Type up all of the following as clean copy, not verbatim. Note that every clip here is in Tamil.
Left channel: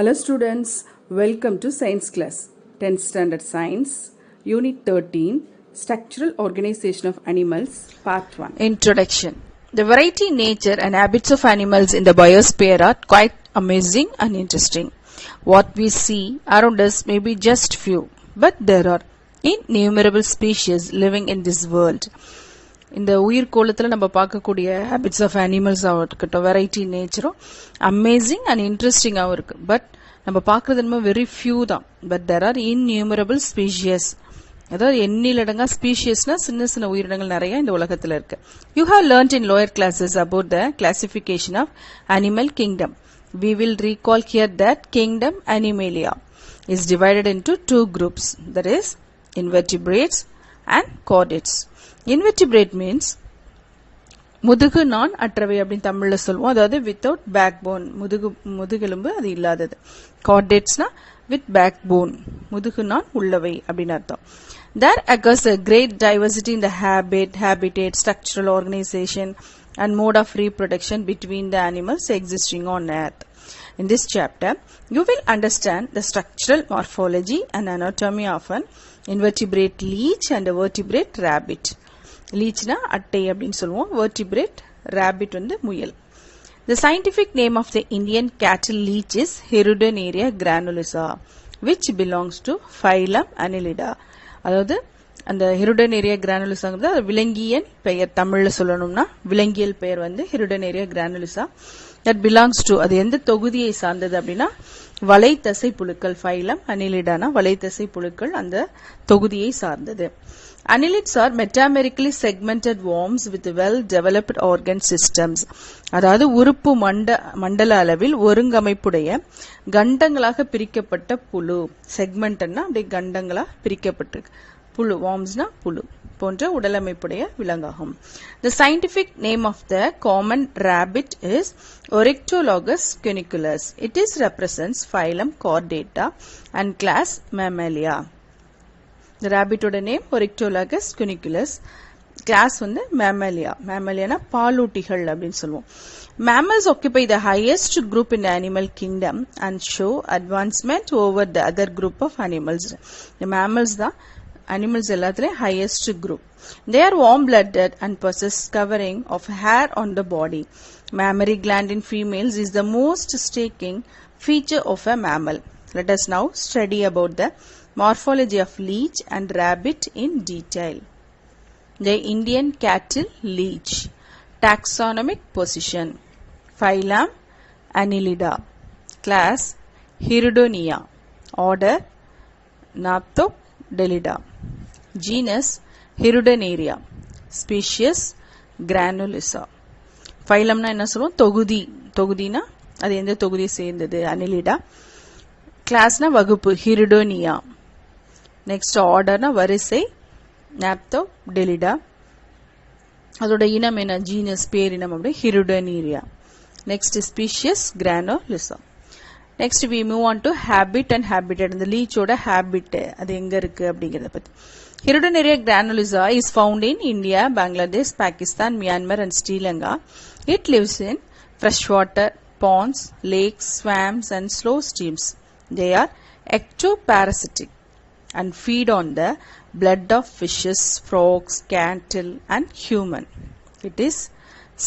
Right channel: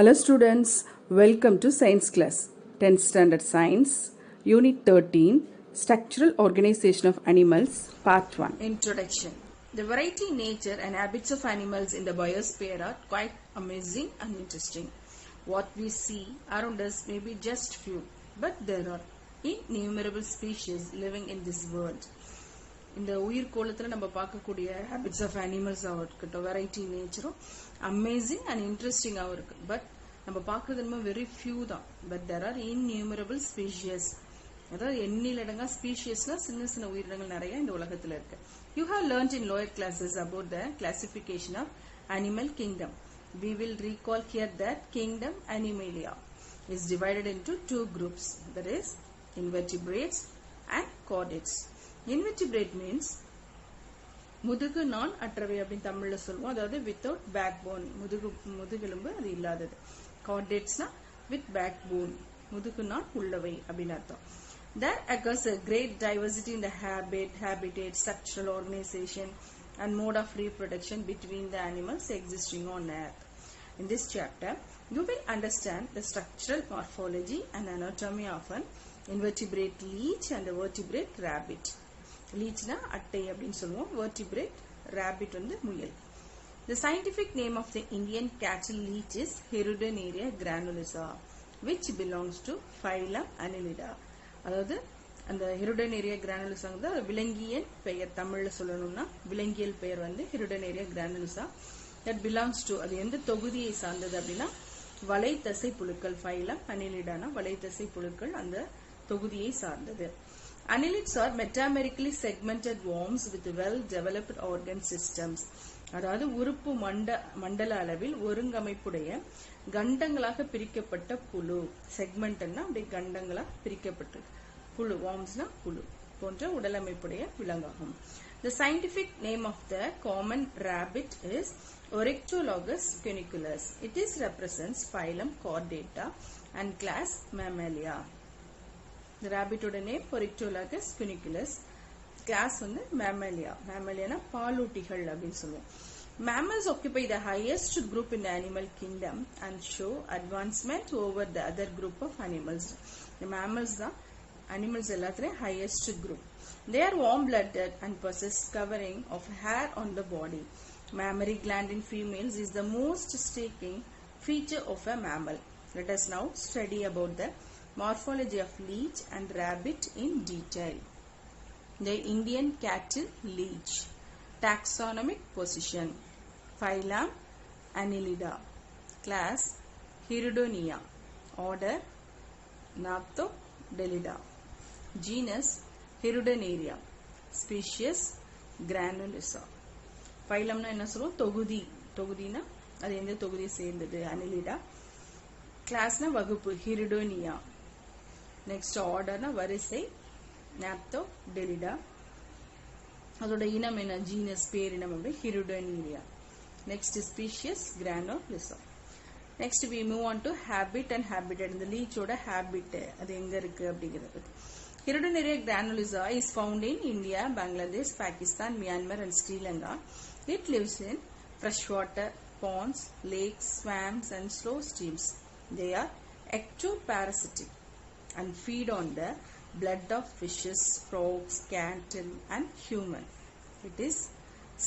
Hello students, welcome to science class. 10th standard science, unit 13, structural organization of animals, part 1. Introduction. The variety, nature and habits of animals in the biosphere are quite amazing and interesting. What we see around us may be just few, but there are innumerable species living in this world. இந்த உயிர் கோளத்தில் நம்ம பார்க்கக்கூடிய ஹேபிட்ஸ் ஆஃப் அனிமல்ஸாகவும் இருக்கட்டும், வெரைட்டி நேச்சரும் அமேசிங் அண்ட் இன்ட்ரெஸ்டிங்காகவும் இருக்கு. பட் நம்ம பார்க்கறது என்னமோ வெரி ஃபியூ தான். பட் தெர் ஆர் இன்நியூமரபிள் ஸ்பீஷியஸ், அதாவது எண்ணிலடங்கா ஸ்பீஷியஸ்னா சின்ன சின்ன உயிரினங்கள் நிறைய இந்த உலகத்தில் இருக்கு. You have learned in lower classes about the classification of animal kingdom. We will recall here that kingdom Animalia is divided into two groups, that is invertebrates and chordates. Invertebrate means முதுகு நான் அற்றவை அப்படின்னு தமிழ்ல சொல்லுவோம், அதாவது வித்தவுட் பேக் போன், முதுகெலும்பு அது இல்லாதது. கார்டேட்ஸ்னா வித் பேக் போன், முதுகு நான் உள்ளவை அப்படின்னு அர்த்தம். There occurs a great diversity in the habitat, structural organization and mode of reproduction between the animals existing on earth. In this chapter, you will understand the structural morphology and anatomy of an invertebrate leech and a vertebrate rabbit. Leechna attai அப்படினு சொல்லுவோம், vertebrate rabbit வந்து முயல். The scientific name of the Indian cattle leech is Hirudinaria granulosa, which belongs to phylum Annelida. அதாவது அந்த Hirudinaria granulosaங்கிறது விலங்கியல் பெயர். தமிழ்ல சொல்லணும்னா விலங்கியல் பெயர் வந்து Hirudinaria granulosa. That belongs to, அது எந்த தொகுதியை சார்ந்தது அப்படின்னா வலைத்தசை புழுக்கள். ஃபைலம் அனிலிடானா வலைத்தசை புழுக்கள் அந்த தொகுதியை சார்ந்தது. Annelids are metamerically segmented worms with well-developed organ systems. அதாவது உறுப்பு மண்டல அளவில் ஒருங்கமைப்புடைய கண்டங்களாக பிரிக்கப்பட்ட புழு. செக்மெண்ட்னா அப்படியே கண்டங்களா பிரிக்கப்பட்டிருக்கு. புழு, wormsனா புழு போன்ற உடலமைப்புடைய விலங்காகும். The scientific name of the common rabbit is Oryctolagus cuniculus. It is represents phylum Chordata and class Mammalia. The rabbit oda name Oryctolagus cuniculus, class வந்து Mammalia. Mammaliana பாலூட்டிகள் அப்படின்னு சொல்லுவோம். Mammals occupy the highest group in the animal kingdom and show advancement over the other group of animals. The mammals தான் animals எல்லாத்துலயும் highest group. They are warm-blooded and possess covering of hair on the body. Mammary gland in females is the most striking feature of a mammal. Let us now study about the morphology of leech and rabbit in detail. The Indian cattle leech. Taxonomic position. Phylum Annelida. Class Hirudinea. Order Gnathodelida. Genus Hirudinaria. Species Granulosa. Phylumனா என்ன சொல்லுவோம்? தொகுதினா அது எந்த தொகுதியை சேர்ந்தது? Annelida. கிளாஸ்னா வகுப்பு, Hirudinea. நெக்ஸ்ட் ஆர்டர்னா வரிசை, Gnathodelida. அதோட இனம் என்ன? ஜீனஸ், பேரினம் அப்படி Hirudinaria. Next species Granulosa. Next we move on to habit and habitat. இந்த லீச்சோட ஹேபிட் அது எங்க இருக்கு அப்படிங்கறத பத்தி. Hirudinaria granulosa is found in India, Bangladesh, Pakistan, Myanmar and Sri Lanka. It lives in freshwater ponds, lakes, swamps and slow streams. They are ectoparasitic and feed on the blood of fishes, frogs, cattle and human. It is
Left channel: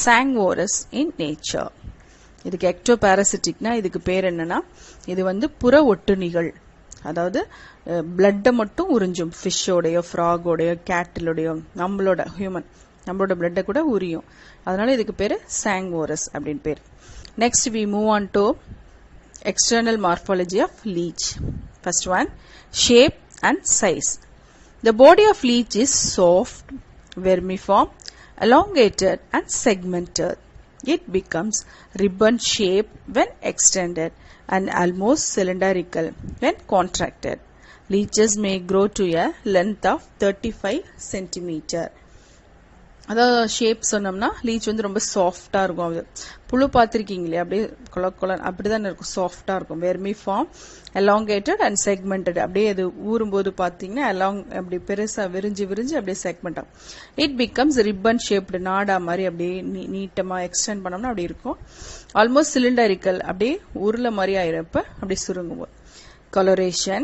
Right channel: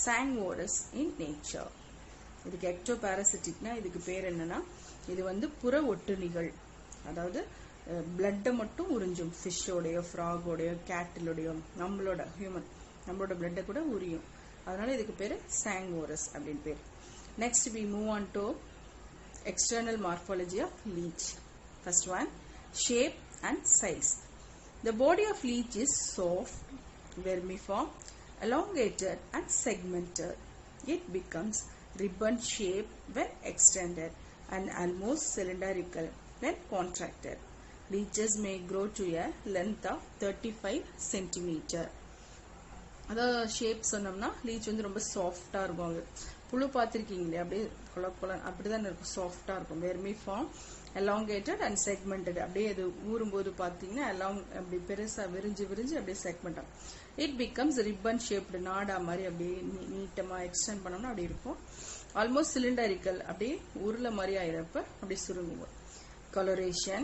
sanguivorous in nature. இதுக்கு ectoparasiticனா இதுக்கு பேர் என்னன்னா, இது வந்து புற ஒட்டுண்ணிகள். அதாவது பிளட்டை மட்டும் உறிஞ்சும். ஃபிஷ்ஷோடையோ, ஃப்ராகோடையோ, கேட்டிலோடையோ, நம்மளோட ஹியூமன் நம்மளோட பிளட்டை கூட உரியும். அதனால இதுக்கு பேரு சாங்வோரஸ் அப்படின்னு பேர். Next we move on to external morphology of leech. First one, shape and size. The body of leech is soft, vermiform, elongated and segmented. It becomes ribbon shaped when extended and almost cylindrical when contracted. Leeches may grow to a length of 35 centimeter. அதாவது ஷேப் சொன்னோம்னா லீச் வந்து ரொம்ப சாஃப்டா இருக்கும். அது புழு பார்த்திருக்கீங்களே, அப்படியே கொலன் அப்படிதான் இருக்கும், சாஃப்டா இருக்கும். Vermiform, elongated and segmented. அப்படியே அது ஊறும்போது பார்த்தீங்கன்னா along அப்படி பெருசா விரிஞ்சு அப்படியே செக்மெண்ட் ஆகும். இட் பிகம்ஸ் ரிப்பன் ஷேப்டு, நாடா மாதிரி அப்படியே நீட்டமா எக்ஸ்டெண்ட் பண்ணோம்னா அப்படி இருக்கும். ஆல்மோஸ்ட் சிலிண்டரிக்கல், அப்படியே உருளை மாதிரி ஆயிரப்ப அப்படி சுருங்குவோம். Coloration.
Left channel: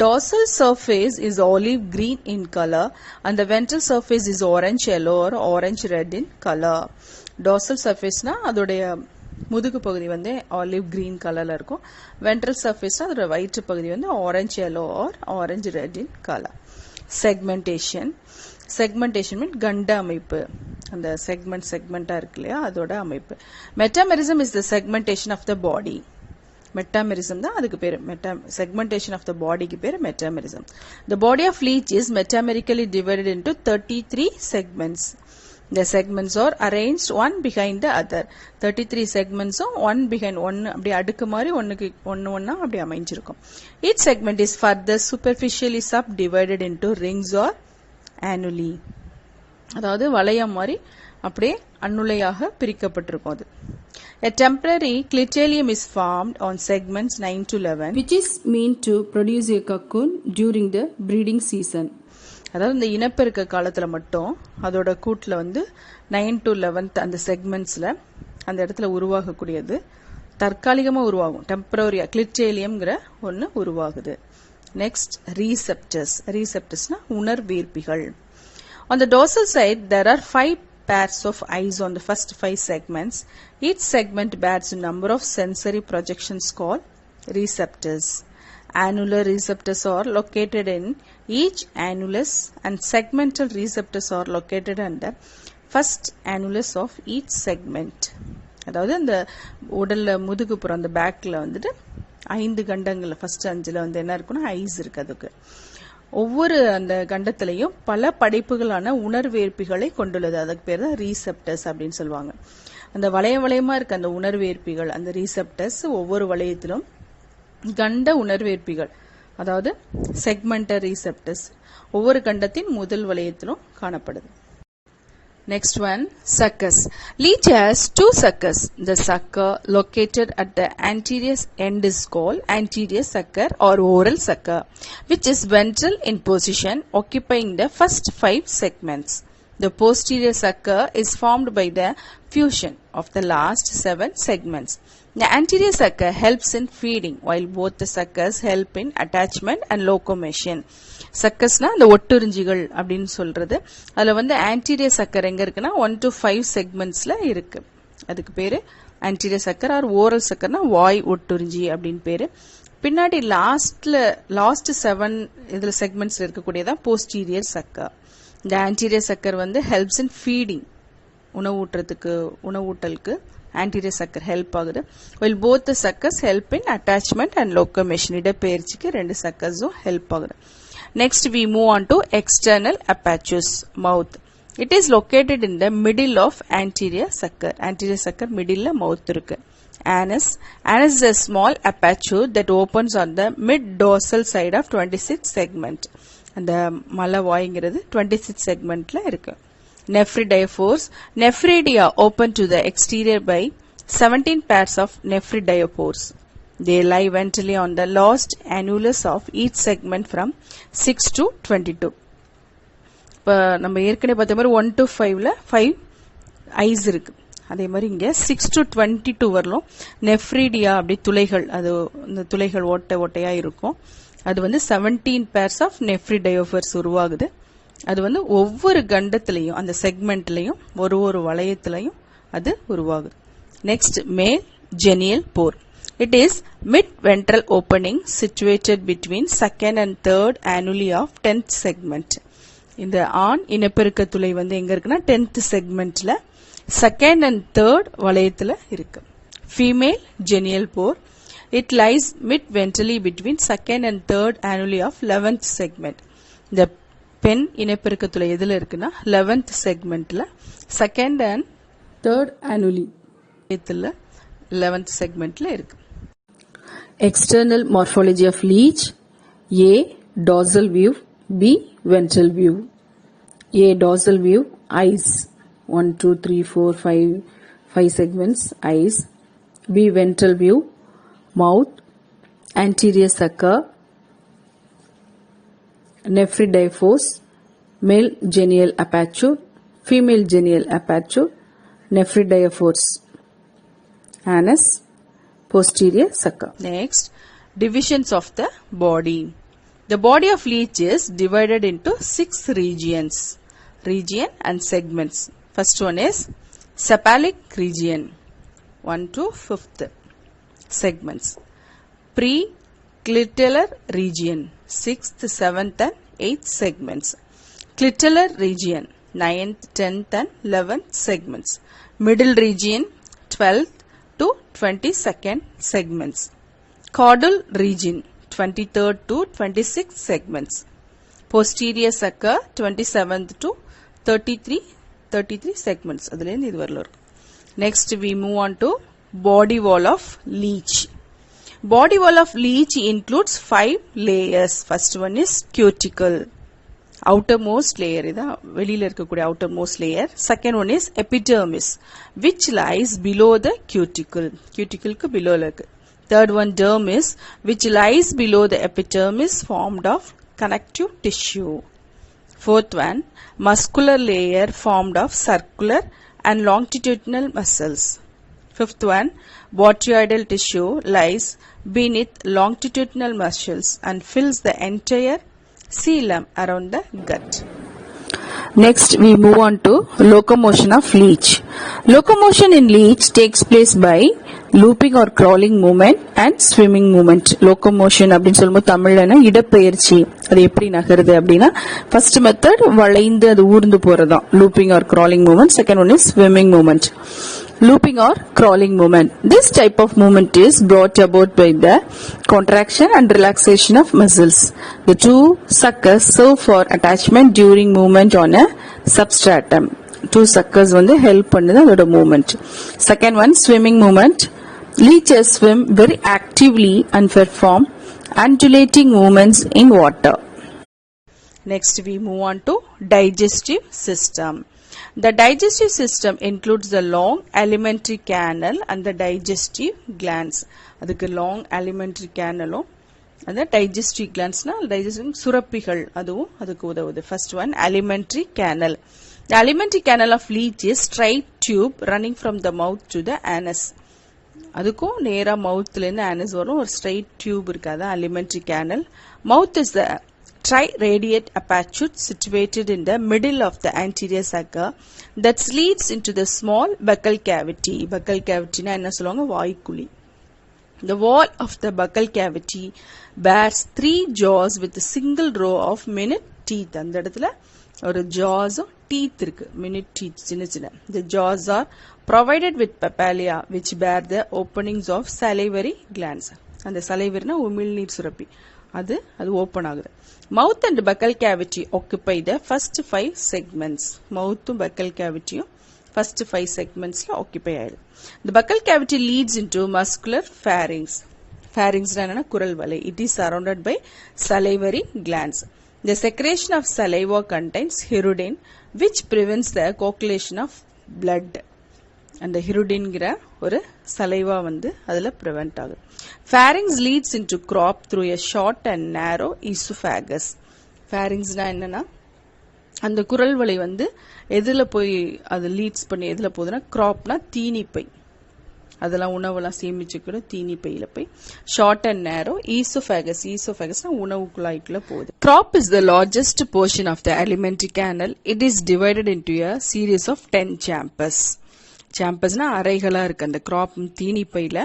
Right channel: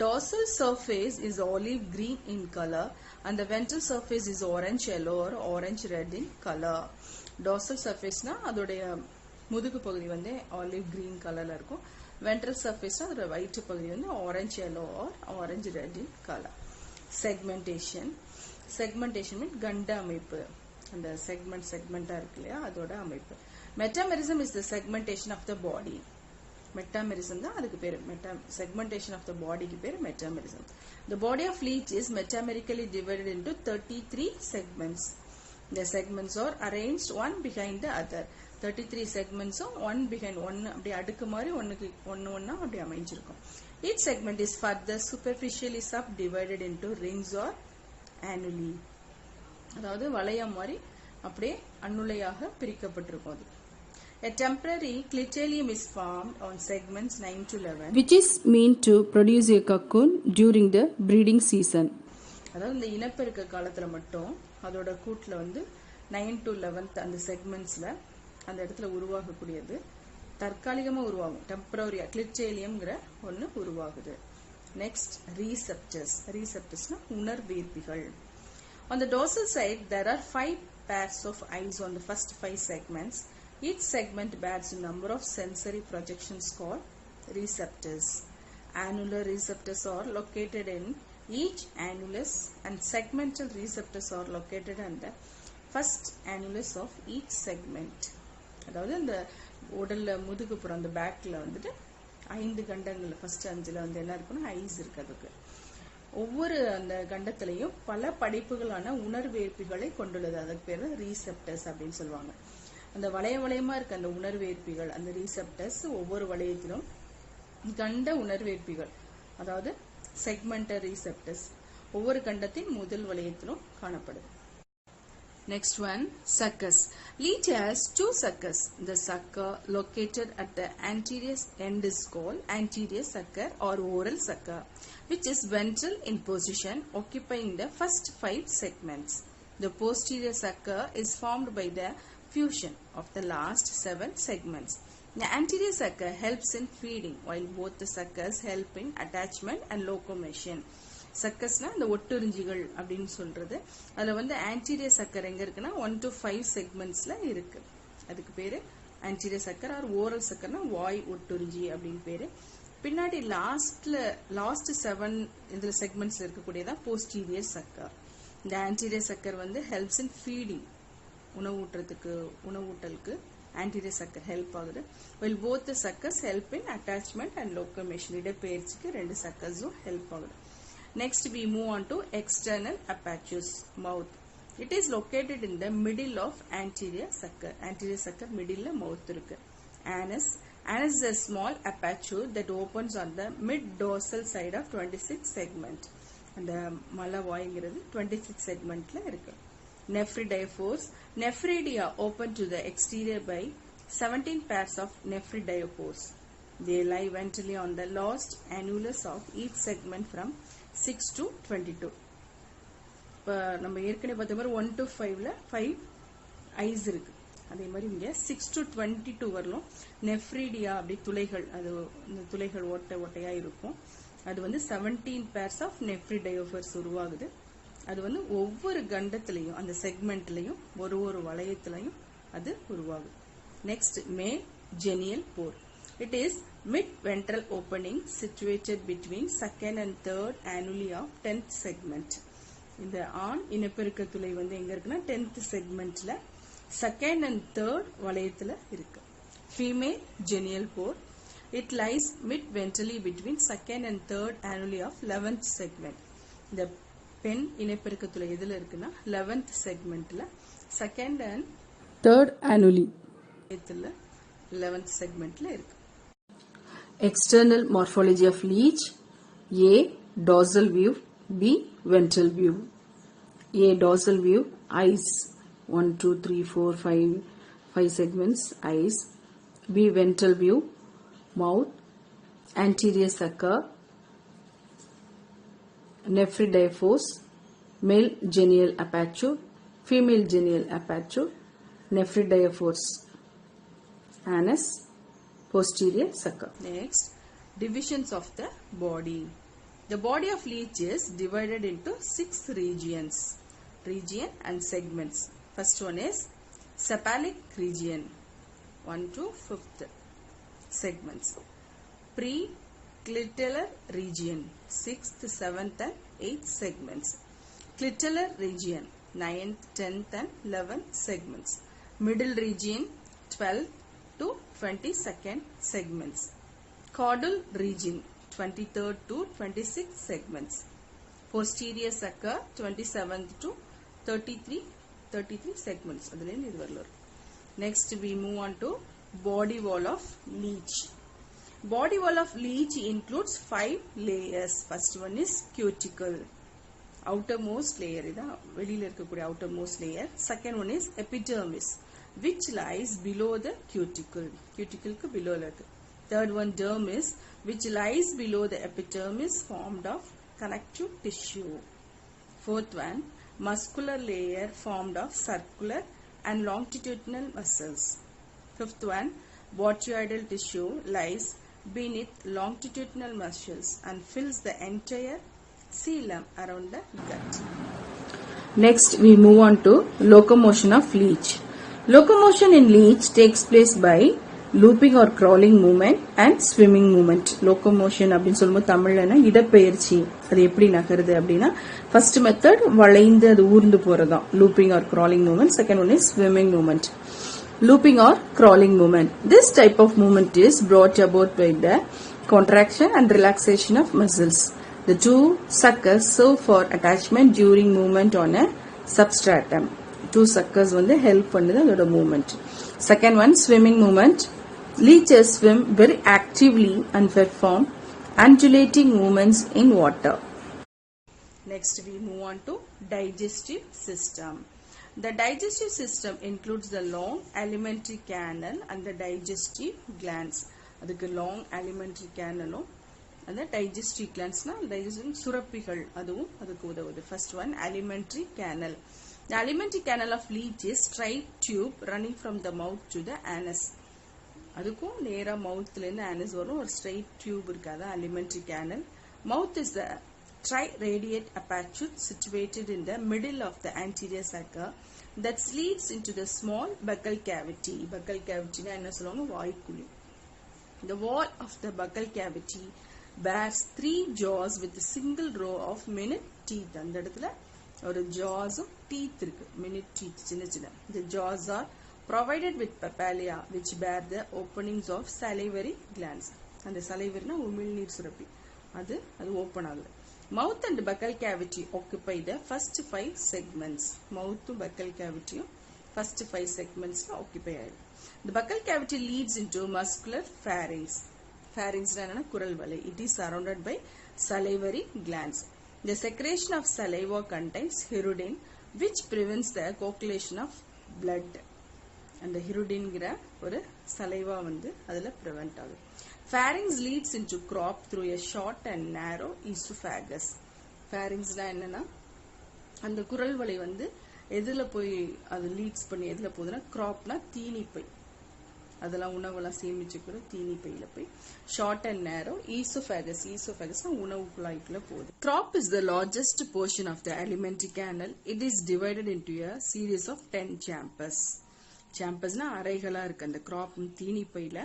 Dorsal surface is olive green in color and the ventral surface is orange yellow or orange red in color. Dorsal surface na அதோடைய முதுகு பகுதி வந்து ஆலிவ் கிரீன் கலர்ல இருக்கும். வென்ட்ரல் சர்ஃபேஸ்னா அதோட வயிற்று பகுதி வந்து orange yellow or orange red in color. Segmentation. Segmentation மீன் கண்ட அமைப்பு. அந்த செக்மெண்டா இருக்கு இல்லையா, அதோட அமைப்பு. Metamerism is the segmentation of the body. Metamerism தான் அதுக்கு பேரு. Segmentation of the bodyக்கு பேரு metamerism. The body of leech is metamerically divided into 33 segments. The segments are arranged one behind the other. 33 segments one behind one அப்படி அடுக்கு மாதிரி ஒன்னா அப்படி அமைஞ்சிருக்கும். Each segment is further superficially subdivided into rings or annuli. அதாவது வளையம் மாதிரி அப்படியே அன்னுளையாக பிரிக்கப்பட்டிருக்கும் அது. A temporary clitellum is formed on segments 9 to 11, which is meant to produce a cocoon during the breeding season. அதாவது இந்த இனப்பெருக்க காலத்துல மட்டும் அதோட கூட்டுல வந்து 9 to 11 அந்த செக்மெண்ட்ஸ்ல அந்த இடத்துல உருவாகக்கூடியது தற்காலிகமா உருவாகும். டெம்பரரியா கிளிட்டேலியம்ங்கிற ஒன்னு உருவாகுது. Next ரீசெப்டர்ஸ்னா உணர்வேற்பிகள். On the dorsal side there are 5 pairs of eyes on the first 5 segments. Each segment bears a number of sensory projections called receptors. Annular receptors are located in each annulus and segmental receptors are located on the first annulus of each segment. அதாவது அந்த உடல்ல முதுகுப்புறம் அந்த பேக்ல வந்துட்டு 5 கண்டங்கள்ல ஃபர்ஸ்ட் 5ல வந்து என்ன இருக்குன்னா ஐஸ் இருக்கு. அதுக்கு ஒவ்வொரு அந்த கண்டத்திலையும் பல படைப்புகளான உணர்வேற்பிகளை கொண்டுள்ளது. அதுக்கு பேர் தான் ரீசெப்டர்ஸ் அப்படின்னு சொல்லுவாங்க. அந்த வளையமா இருக்க அந்த உணர்வேற்பிகள், அந்த ரீசெப்டர்ஸ் ஒவ்வொரு வளையத்திலும் கண்ட உணர்வேற்பிகள், அதாவது செக்மெண்டர் ரீசெப்டர்ஸ் ஒவ்வொரு கண்டத்தின் முதல் வளையத்திலும் காணப்படுது. Next one, suckers. Leech has 2 suckers. The sucker located at the anterior end is called anterior sucker or oral sucker, which is ventral in position, occupying the first 5 segments. The posterior sucker is formed by the fusion of the last 7 segments. The anterior sucker helps in feeding, while both the suckers help in attachment and locomotion. சக்கர்ஸ்னா அந்த ஒட்டுறிஞ்சிகள் அப்படின்னு சொல்றது. அதுல வந்து ஆன்டீரியர் சக்கர் எங்க இருக்குன்னா 1 to 5 செக்மெண்ட்ஸ்ல இருக்கு. அதுக்கு பேரு ஆன்டீரியர் சக்கர் ஆர் ஓரல் சக்கர்னா வாய் ஒட்டுறிஞ்சி அப்படின்னு பேரு. பின்னாடி லாஸ்ட் 7 இதுல செக்மெண்ட்ஸ்ல இருக்கக்கூடியதான் போஸ்டீரியர் சக்கர். இந்த ஆன்டீரியர் சக்கர் வந்து ஹெல்ப்ஸ் இன் ஃபீடிங், உணவூட்டலுக்கு ஆன்டீரியர் சக்கர் ஹெல்ப் ஆகுது. while both the suckers help in attachment and locomotion. இடப்பெயர்ச்சிக்கு 2 சக்கர்ஸும் ஹெல்ப் ஆகுது. Next we move on to external apertures, mouth. It is located in the middle of anterior sucker. Anterior sucker middle la mouth irukku. Anus is a small aperture that opens on the mid dorsal side of 26 segment. And the malavoyingiradhu 26 segment la irukku. Nephridiaphores. Nephridia open to the exterior by 17 pairs of nephridiophores. They lie ventrally on the last annulus of each segment from 6 to 22. இப்போ நம்ம ஏற்கனவே பார்த்த மாதிரி 1 to 5ல 5 ஐஸ் இருக்கு. அதே மாதிரி இங்க 6 to 22 வரலும் நெஃப்ரிடியா அப்படி துளைகள், அது இந்த துளைகள் ஓட்டையா இருக்கும். அது வந்து 17 pairs of nephridiophores உருவாகுது. அது வந்து ஒவ்வொரு கண்டத்திலையும் அந்த செக்மெண்ட்லையும் ஒரு வளையத்திலையும் அது உருவாகுது. நெக்ஸ்ட் மேல் ஜெனியல் போர். It is mid-ventral opening situated between second and third annuli of 10th segment. இந்த ஆண் இனப்பெருக்க துளை வந்து எங்க இருக்குன்னா 10th segmentல second and third வளையத்துல இருக்கு. Female genial pore. It lies mid-ventrally between second and third annuli of 11th segment. இந்த பெண் இனப்பெருக்க துளை எதுல இருக்குன்னா 11th segmentல second and third annuli இதுல 11th segmentல இருக்கு. External morphology of leech. A. Dorsal view. B. Ventral view. A. Dorsal view. Eyes. 1, 2, 3, 4, 5 segments. Eyes. B. Ventral view. Mouth. Anterior sucker. Nephridiophores. Male genial aperture. Female genial aperture. Nephridiophores. anus, posterior sucker. Next, divisions of the body. The body of leech is divided into 6 regions. Region and segments. First one is cephalic region, 1 to 5th segments. Pre-clitellar region, 6th, 7th and 8th segments. Clitellar region, 9th, 10th and 11th segments. Middle region, 12th to 22nd segments. Caudal region, 23rd to 26th segments. Posterior sucker, 27th to 33 segments. Next we move on to body wall of leech. Body wall of leech includes 5 layers. First one is cuticle, outermost layer, வெளியில இருக்கக்கூடிய outermost layer. Second one is epidermis, which lies below the cuticle. Cuticle க்கு below இருக்கு. Third one, dermis, which lies below the epidermis, formed of connective tissue. Fourth one, muscular layer formed of circular and longitudinal muscles. Fifth one, botryoidal tissue lies beneath longitudinal muscles and fills the entire coelom around the gut. Next, we move on to locomotion of leech. Locomotion in leech takes place by looping or crawling movement and swimming movement. Locomotion அப்படின்னு சொல்லும்போது தமிழ்லனா இடப்பெயர்ச்சி. அது எப்படி நகருது அப்படின்னா first method வளைந்து அது ஊர்ந்து போறதாம் looping or crawling movement. Second one is swimming movement. Looping or crawling movement. This type of movement is brought about by the contraction and relaxation of muscles. The two suckers serve for attachment during movement on a substratum. Two suckers வந்து help பண்ணுது அதோட movement. Second one, swimming movement. Leeches swim very actively and perform undulating movements in water. Next we move on to digestive system. The digestive system includes the long alimentary canal and the digestive glands. அதுக்கு long alimentary canal and the digestive glands na digestive சுரப்பிகள் அதுவும் அதுக்கு உதவுது. First one, alimentary canal. The alimentary canal of leech is straight tube running from the mouth to the anus. அதுக்கும் நேரா மவுத்ல இருந்து anus வரும் ஒரு straight tube இருக்காது alimentary canal. Mouth is the triradiate aperture situated in the middle of the anterior sucker that leads into the small buccal cavity. Buccal cavity na enna solluvaanga vaayukuli. The wall of the buccal cavity bears 3 jaws with a single row of minute teeth. அந்த இடத்துல ஒரு jaws teeth இருக்கு, minute teeth சின்ன சின்ன. The jaws are provided with papillae which bear the openings of salivary glands. அந்த salivary na உமிழ்நீர் சுரப்பி அது ஓபன் ஆகுது. Mouth and buccal cavity occupy the first 5 segments. Mouth and buccal cavity first 5 segments la occupy ஆயிடும். The buccal cavity leads into muscular pharynx. Pharynx na enna kural valai. It is surrounded by salivary glands. The secretion of saliva contains hirudin, which prevents the coagulation of blood. And the hirudin gira ஒரு saliva வந்து அதுல prevent ஆகுது. Pharynx leads into crop through a short and narrow esophagus. Pharynx na என்னன்னா அந்த குரல் வளை வந்து எதுல போய் அது லீட்ஸ் பண்ணி எதுல போகுதுன்னா crop-னா தீனிப்பை. அதெல்லாம் உணவெல்லாம் சேமிச்சுக்கிற தீனிப்பையில போய் short and narrow esophagus. Esophagus-னா உணவு குழாய்க்குள்ள போகுது. Crop is the largest portion of the alimentary canal. It is divided into a series of 10 chambers. Chambers-னா அறைகளா இருக்கு. அந்த crop தீனிப்பையில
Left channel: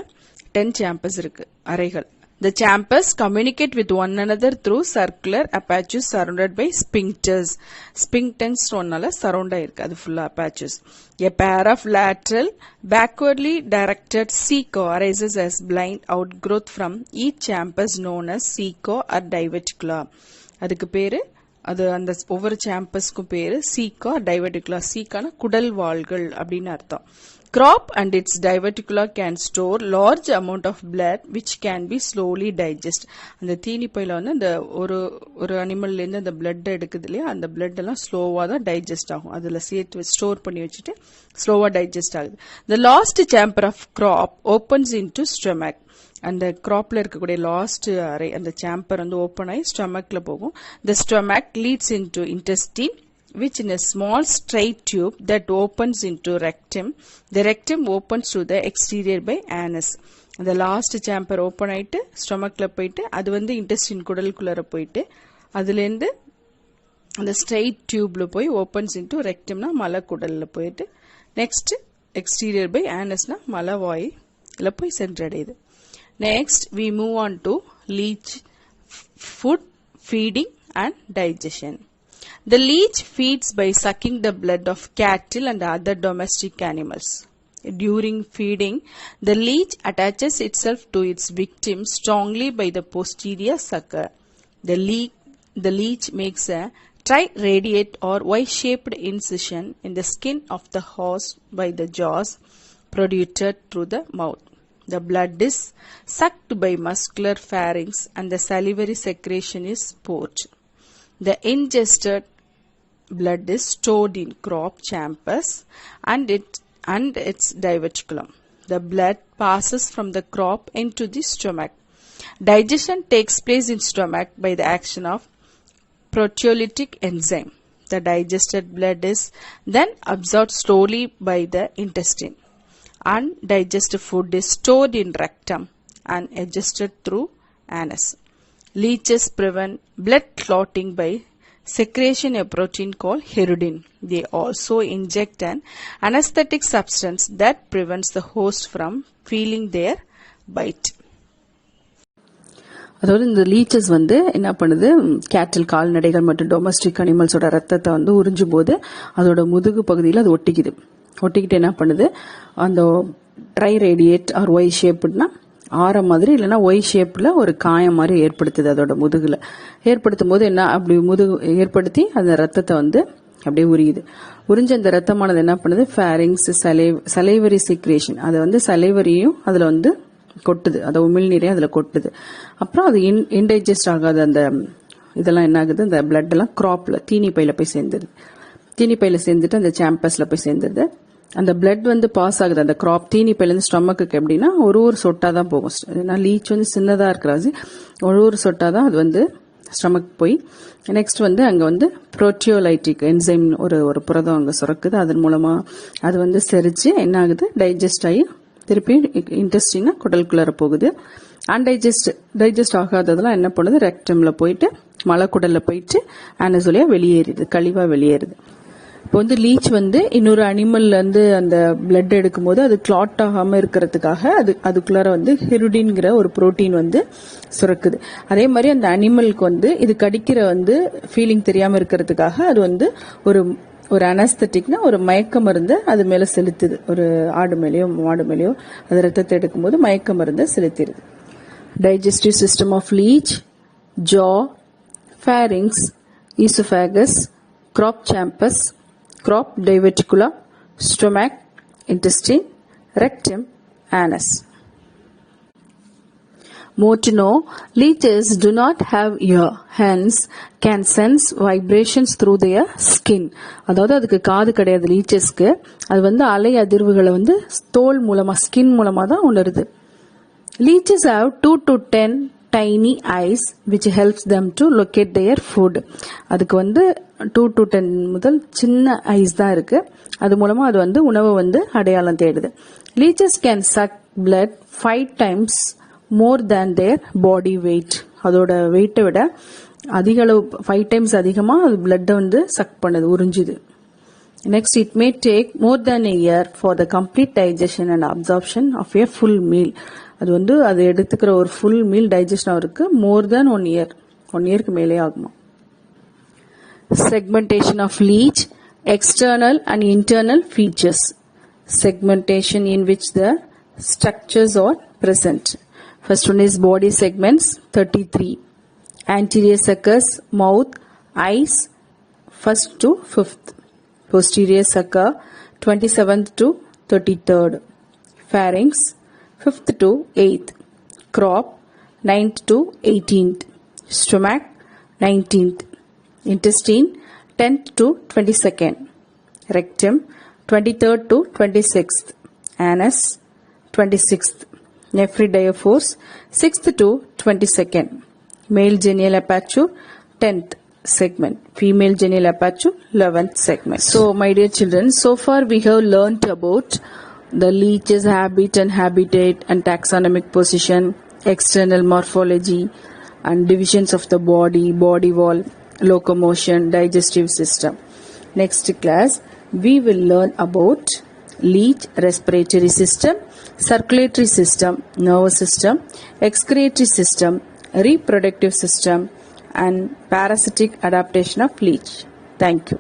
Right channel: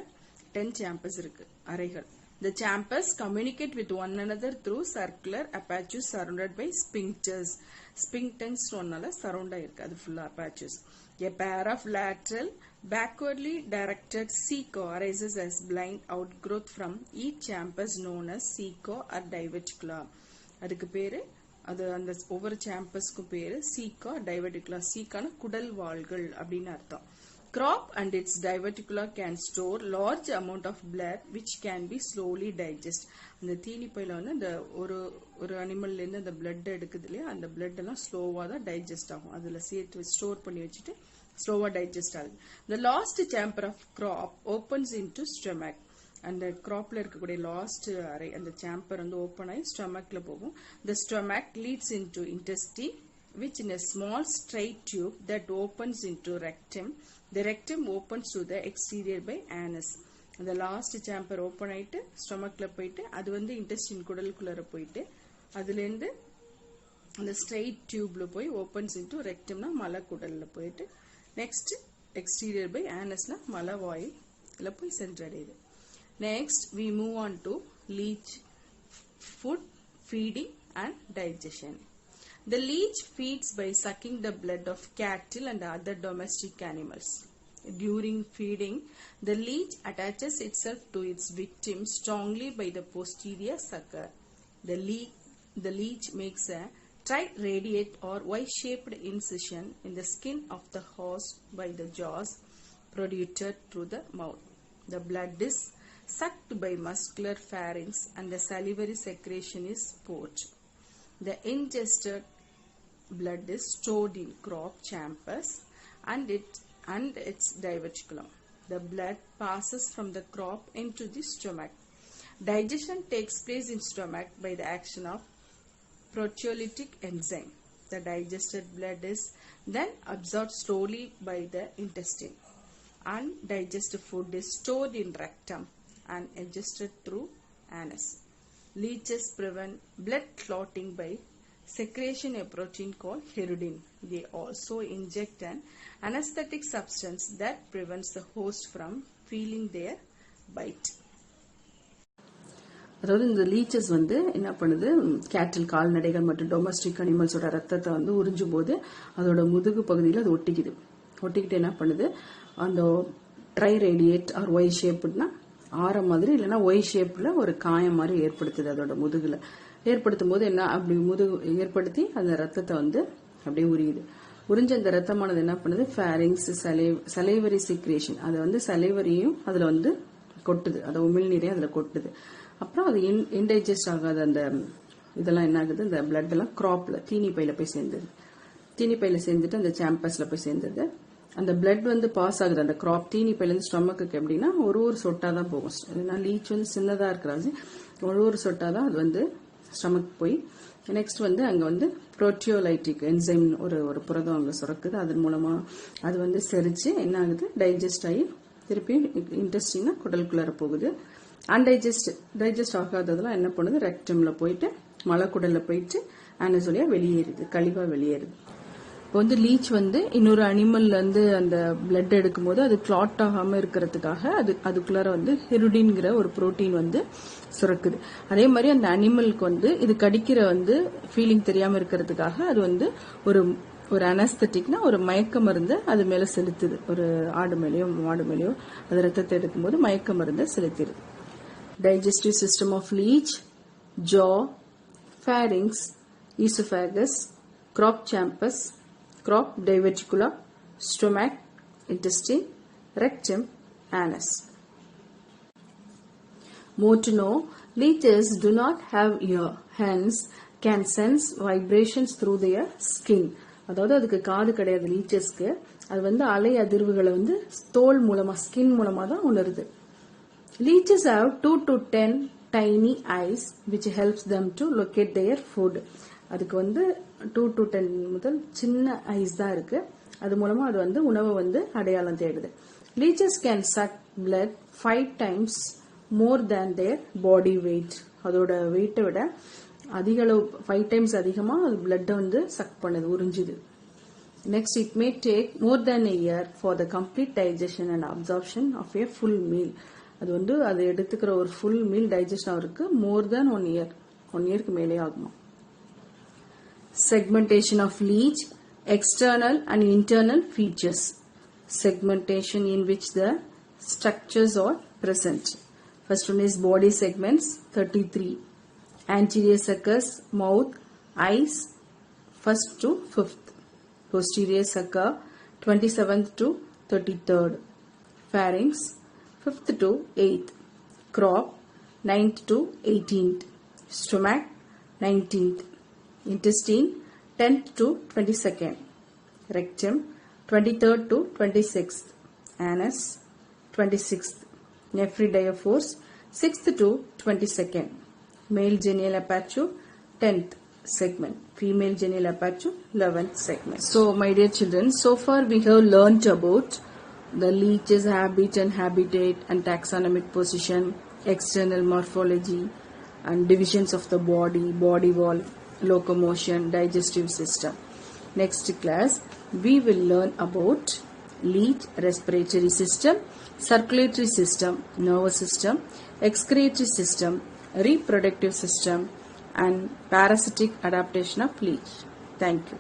10 chambers இருக்கு, அறைகள். The chambers communicate with one another through circular apertures surrounded by sphincters. Sphincters ஒன்னால surround ஆயிருக்கு, அது full apertures. A pair of lateral backwardly directed ceco arises as blind outgrowth from each chambers known as ceco or diverticula. அதுக்கு பேரு அது அந்த ஒவ்வொரு சாம்பஸ்க்கும் பேரு ceco or diverticula. ceco-னா குடல் வாள்கள் அப்படின்னு அர்த்தம். Crop and its diverticula can store large amount of blood which can be slowly digested. அந்த தீனிப்பையில வந்து அந்த ஒரு அனிமல்ல இருந்து அந்த blood எடுக்குது இல்லையா, அந்த blood எல்லாம் ஸ்லோவா தான் டைஜஸ்ட் ஆகும். அதுல சேர்த்து ஸ்டோர் பண்ணி வச்சுட்டு ஸ்லோவா டைஜஸ்ட் ஆகுது. The last chamber of crop opens into stomach. அந்த கிராப்ல இருக்கக்கூடிய லாஸ்ட் அறை அந்த சாம்பர் வந்து ஓப்பன் ஆகி ஸ்டொமக்ல போகும். The stomach leads into intestine which in a small straight tube that opens into rectum. The rectum opens to the exterior by anus. The last chamber open ஆயிட்டு ஸ்டொமக்ல போயிட்டு அது வந்து இன்டெஸ்டின் குடலுக்குள்ளர போயிட்டு அதுலேருந்து அந்த ஸ்ட்ரெயிட் டியூப்ல போய் ஓப்பன்ஸ் இன்டு ரெக்டம்னா மலக்குடல்ல போயிட்டு நெக்ஸ்ட் எக்ஸ்டீரியர் பை ஆனஸ்னா மலவாயில போய் சென்றடையுது. Next we move on to leech food, feeding and digestion. The leech feeds by sucking the blood of cattle and other domestic animals. During feeding, the leech attaches itself to its victim strongly by the posterior sucker. The leech makes a triradiate or Y-shaped incision in the skin of the horse by the jaws protruded through the mouth. The blood is sucked by muscular pharynx and the salivary secretion is poured. The ingested blood is stored in crop chambers and its diverticulum. The blood passes from the crop into the stomach. Digestion takes place in stomach by the action of proteolytic enzyme. The digested blood is then absorbed slowly by the intestine. Undigested food is stored in rectum and adjusted through anus. Leeches prevent blood clotting by secretion a protein called hirudin. They also inject an anesthetic substance that prevents the host from feeling their bite. அதாவது இந்த லீச்சஸ் வந்து என்ன பண்ணுது, கேட்டில் கால்நடைகள் மற்றும் டொமஸ்டிக் அனிமல்ஸோட ரத்தத்தை வந்து உறிஞ்சும் போது அதோட முதுகு பகுதியில் அது ஒட்டிக்கிட்டு என்ன பண்ணுது, அந்த ட்ரை ரேடியேட் ஆர் ஒய் ஷேப்னா ஆரம் மாதிரி இல்லைன்னா ஒய் ஷேப்ல ஒரு காயம் மாதிரி ஏற்படுத்துது அதோட முதுகுல. ஏற்படுத்தும் போது என்ன அப்படி முதுகு ஏற்படுத்தி அந்த ரத்தத்தை வந்து அப்படியே உறிஞ்ச அந்த ரத்தமானது என்ன பண்ணுது, ஃபேரிங்ஸ் சலைவரி சிக்ரேஷன், அதை வந்து சலைவரியும் அதுல வந்து கொட்டுது, அதை உமிழ்நீரையும் அதுல கொட்டுது. அப்புறம் அது இன்டைஜஸ்ட் ஆகாத அந்த இதெல்லாம் என்ன ஆகுது, இந்த பிளட் எல்லாம் கிராப்ல தீனி பையில போய் சேர்ந்துருது. தீனி பையில சேர்ந்துட்டு அந்த சாம்பஸ்ல போய் சேர்ந்துருது. அந்த பிளட் வந்து பாஸ் ஆகுது அந்த கிராப் தீனி பையிலேருந்து ஸ்டொமக்கு எப்படின்னா ஒரு சொட்டா தான் போகும். ஏன்னா லீச் வந்து சின்னதா இருக்கிறாது, ஒரு சொட்டா தான் அது வந்து ஸ்டொமக் போய் நெக்ஸ்ட் வந்து அங்க வந்து புரோட்டியோலைட்டிக் என்சைம் ஒரு புரதம் அங்க சுரக்குது. அதன் மூலமா அது வந்து செரிச்சு என்ன ஆகுது, டைஜஸ்ட் ஆகி திருப்பி இன்டெஸ்டினா குடலுக்குள்ளார போகுது. டைஜஸ்ட் ஆகாததெல்லாம் என்ன பண்ணுது, ரெக்டம்ல போயிட்டு மலக்குடல்ல போயிட்டு ஆனஸ் வழியா வெளியேறுது, கழிவா வெளியேறுது. இப்போ வந்து லீச் வந்து இன்னொரு அனிமல்ல இருந்து அந்த பிளட் எடுக்கும் போது அது கிளாட் ஆகாம இருக்கிறதுக்காக அதுக்குள்ளார வந்து ஹிருடின்ங்கிற ஒரு புரோட்டீன் வந்து சுரக்குது. அதே மாதிரி அந்த அனிமலுக்கு வந்து இது கடிக்கிற வந்து ஃபீலிங் தெரியாம இருக்கிறதுக்காக அது வந்து ஒரு அனஸ்தட்டிக்னா ஒரு மயக்க மருந்து அது மேல செலுத்துது. ஒரு ஆடு மேலேயோ மாடு மேலேயோ அது ரத்தத்தை எடுக்கும் போது மயக்க மருந்து செலுத்திடுது. Digestive system of leech: jaw, pharynx, esophagus, crop champus, crop diverticula, stomach, intestine, rectum, anus. More to know, leeches do not have ear, hence can sense vibrations through their skin. அதாவது அதுக்கு காது கிடையாது லீச்சஸ்க்கு. அது வந்து அலை அதிர்வுகளை வந்து தோல் மூலமா ஸ்கின் மூலமா தான் உணருது. Leeches have 2 to 10 tiny eyes which helps them to locate their food. அதுக்கு வந்து 2 to 10 முதல் சின்ன ஐஸ் தான் இருக்கு. அது மூலமா அது வந்து உணவை வந்து அடையாளம் தேடுது. Leeches can suck blood 5 times more than their body weight. அதோட வெயிட்டை விட அதிக அளவு 5 times அதிகமா அது பிளட்டை வந்து சக் பண்ணுது, உறிஞ்சுது. Next, it may take more than a year for the complete digestion and absorption of a full meal. அது வந்து அது எடுத்துக்கிற ஒரு ஃபுல் மீல் டைஜஸ்ட் ஆகிறதுக்கு மோர் தேன் 1 year, 1 yearக்கு மேலே ஆகுமா. Segmentation of leech: external and internal features. Segmentation in which the structures are present. First one is body segments 33. Anterior suckers, mouth, eyes, 1st to 5th. Posterior sucker 27th to 33rd. Pharynx 5th to 8th. Crop 9th to 18th. Stomach 19th. Intestine 10th to 22nd. Rectum 23rd to 26th. Anus 26th. Nephridiaphores 6th to 22nd. Male genial aperture 10th. segment. Female genital aperture 11th segment. So my dear children, so far we have learnt about the leech's habit and habitat and taxonomic position, external morphology and divisions of the body, body wall, locomotion, digestive system. Next class we will learn about leech respiratory system, circulatory system, nervous system, excretory system, reproductive system and parasitic adaptation of leech. Thank you.